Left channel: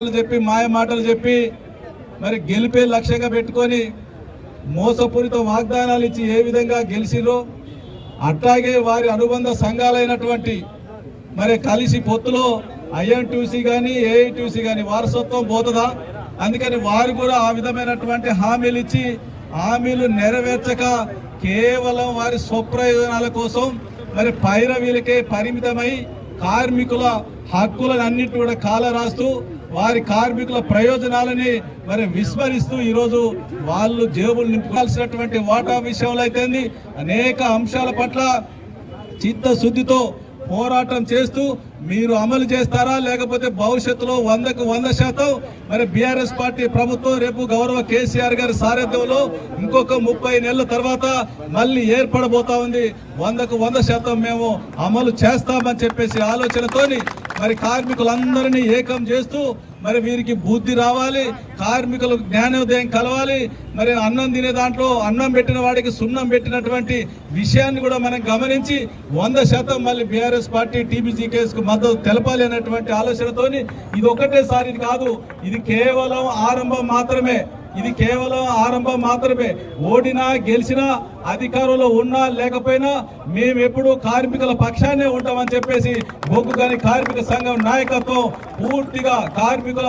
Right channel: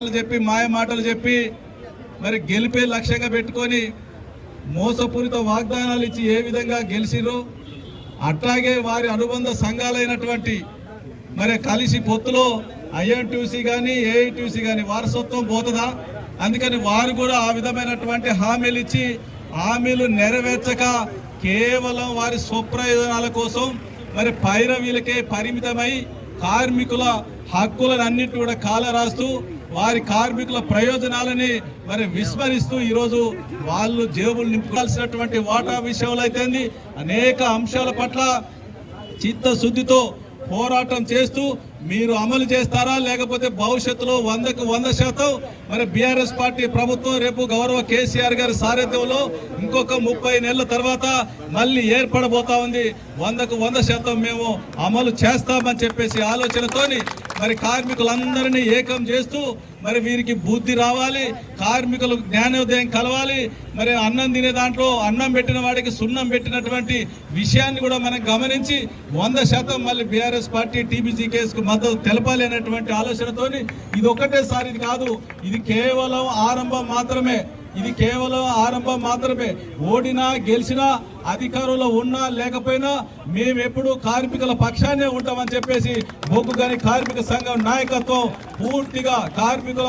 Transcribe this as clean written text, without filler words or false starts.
చెప్పి మాయ మాటలు చెప్పి మరి గెలిపే లక్ష్యంగా పెట్టుకొని మోసపూరిత వాగ్దానాలు ఇచ్చి ఏ విధంగా గెలిచిరో అట్లాగే వారి అనుబంధ సంఘాలైనటువంటి మరి కలిసి పొత్తులో ఐఎన్టీసీ కానీ ఏఐటీసీ కానీ వారసత్వం పోతుందా? అందుకని వారు కూడా ఆ విధమైనటువంటి హామీలు ఇచ్చి హామీలు నెరవేర్చక కేవలం వారి స్వప్రయోజనాల కోసం మరి పైన వీళ్ళకే పరిమితమై కార్మికుల హక్కులన్నిటి కూడా కాలరాస్తూ వారి కార్మికుల ప్రయోజనాలని మరి విస్మరిస్తూ ఈరోజు వాళ్ళు జేబులు నింపాల్సినటువంటి వాటా విషయంలో అయితే అనేక అంశాల పట్ల చిత్తశుద్ధితో పోరాటం చేస్తూ మీరు అమలు చేస్తారా, లేకపోతే భవిష్యత్తులో 100కు 100% మరి బీఆర్ఎస్ పార్టీ ప్రభుత్వం రేపు గౌరవ కేసీఆర్ గారి సారథ్యంలో ఇంకొక 30 నెలల తర్వాత మళ్ళీ ఏర్పడబోతా ఉంది. 100కు 100% మేము అమలు చేస్తామని చెప్పేసి ఆలోచనతోని మరి కార్మికులందరినీ ఏకం చేస్తూ మరి వీరికి బుద్ధి రావాలి, కార్మికులు జ్ఞానోదయం కలవాలి. మరి అన్నం తినే దాంట్లో అన్నం పెట్టిన వాడికి సున్నం పెట్టినటువంటి విషయాన్ని కూడా మనం గమనించి 100% మళ్ళీ బీఆర్ఎస్ పార్టీ టీబీజీ కేసుకు మద్దతు తెలపాలి అన్నటువంటి ఆలోచనతోని ఇది ఒకటేసారి ఇది కాదు, ఇది కేవలం ఆరంభం మాత్రమే. ఇది కేవలం ఆరంభం మాత్రమే. ఓడినా గెలిచినా అధికారంలో ఉన్నా లేకపోయినా మేమెప్పుడు కార్మికుల పక్షాన్నే ఉంటామని చెప్పేసి బొగ్గు గని కార్మిక సంఘం నాయకత్వం పూర్తిగా కార్మికుల